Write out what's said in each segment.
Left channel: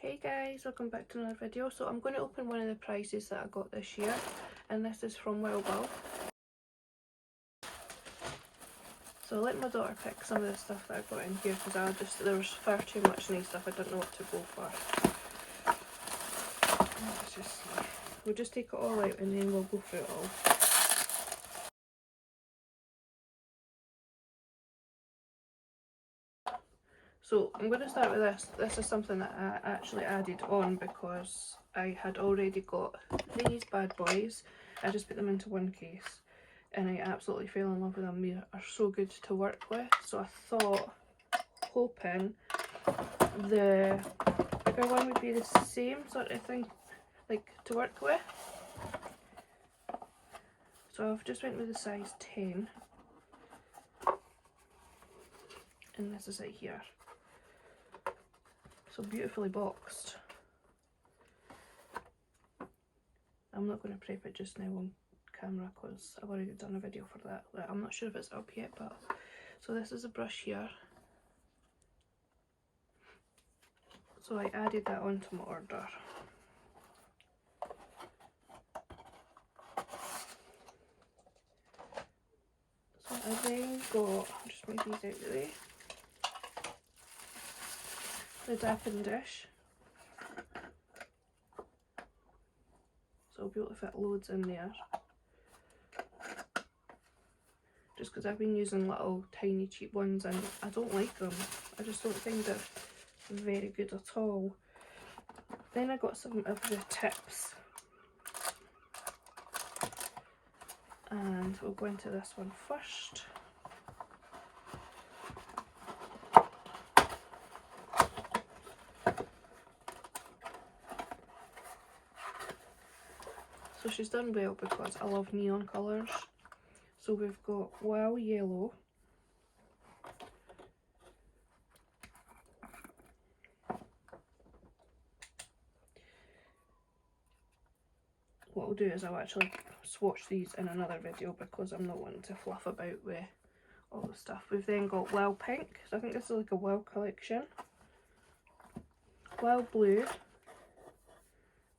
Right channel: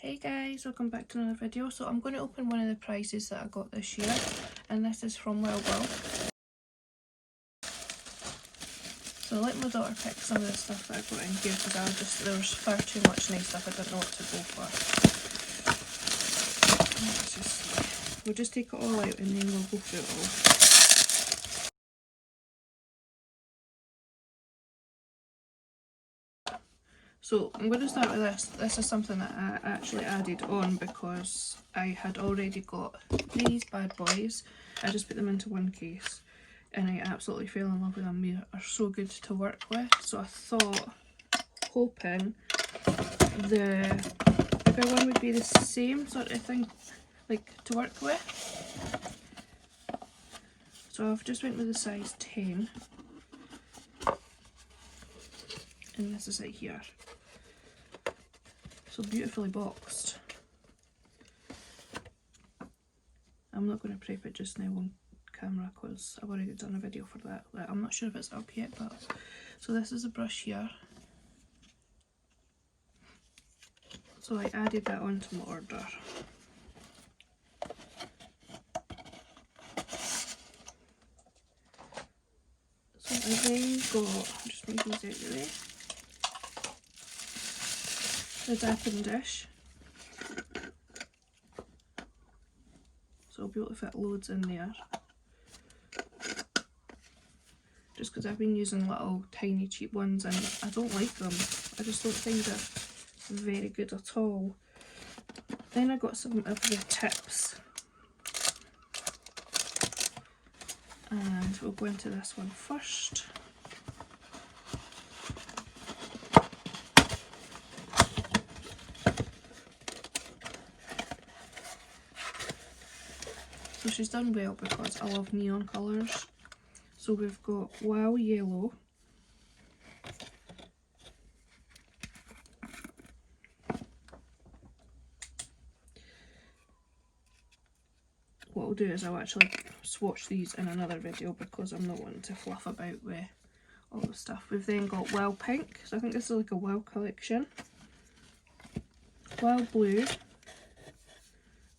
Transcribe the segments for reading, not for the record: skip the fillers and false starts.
Hey guys, welcome back to another video. So I'm going to open one of the prizes that I got this year, and this is from WowBoa. So I let my daughter pick some of the stuff that I got in here because there was far too much nice stuff. I didn't know what to go for. We'll just take it all out and then we'll go through it all. So I'm going to start with this. This is something that I actually added on because I had already got these bad boys. I just put them into one case and I absolutely fell in love with them. They are so good to work with. So I thought, hoping the bigger one would be the same sort of thing, like to work with. So I've just went with the size 10. And this is it here. So beautifully boxed. I'm not going to prep it just now on camera because I've already done a video for that. I'm not sure if it's up yet, but so this is a brush here. So I added that onto my order. So I then got, just move these out of the way, the Dappen Dish. So I'll be able to fit loads in there. Just because I've been using little tiny cheap ones and I don't like them. I just don't think they're very good at all. Then I got some of the tips. And we'll go into this one first. So she's done well because I love neon colours. So we've got Wow Yellow, what I'll do is I'll actually swatch these in another video because I'm not wanting to fluff about with all the stuff. We've then got Wow Pink, so I think this is like a Wow Collection. Wow Blue,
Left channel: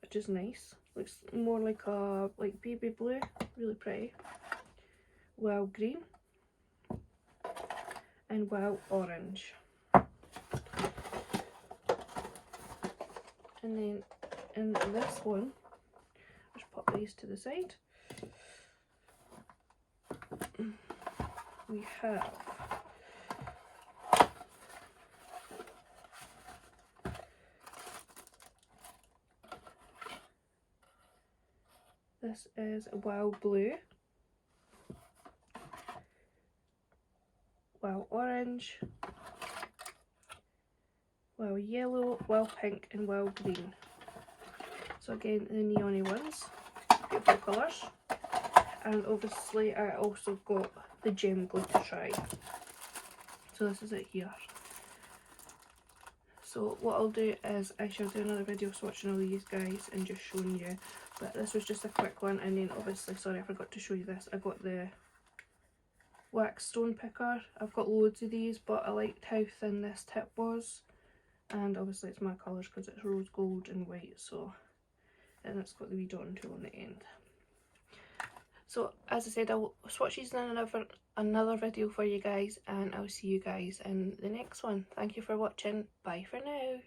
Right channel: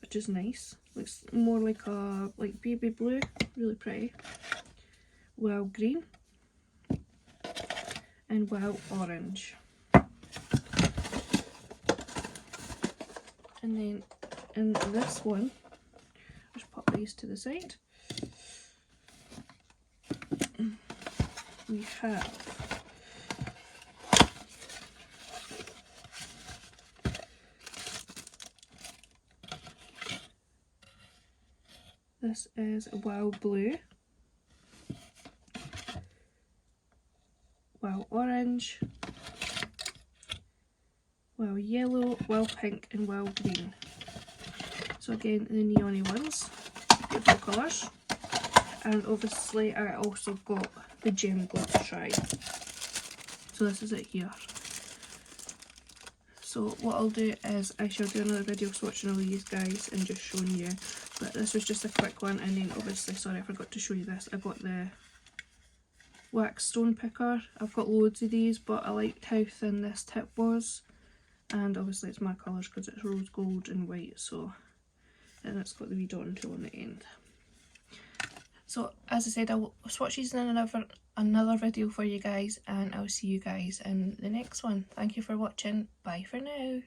which is nice, looks more like a baby blue, really pretty. Wow Green and Wow Orange. And then in this one, just pop these to the side. We have this is Wow Blue, Wow Orange, Wow Yellow, Wow Pink and Wow Green. So again, the neony ones, beautiful colours. And obviously I also got the gem glitter try. So this is it here. So what I'll do is I shall do another video swatching all these guys and just showing you. But this was just a quick one, and then obviously, sorry I forgot to show you this, I got the wax stone picker. I've got loads of these, but I liked how thin this tip was. And obviously it's my colours because it's rose gold and white, so, and it's got the wee dotting tool on the end. So as I said, I'll swatch these in another video for you guys, and I'll see you guys in the next one. Thank you for watching. Bye for now.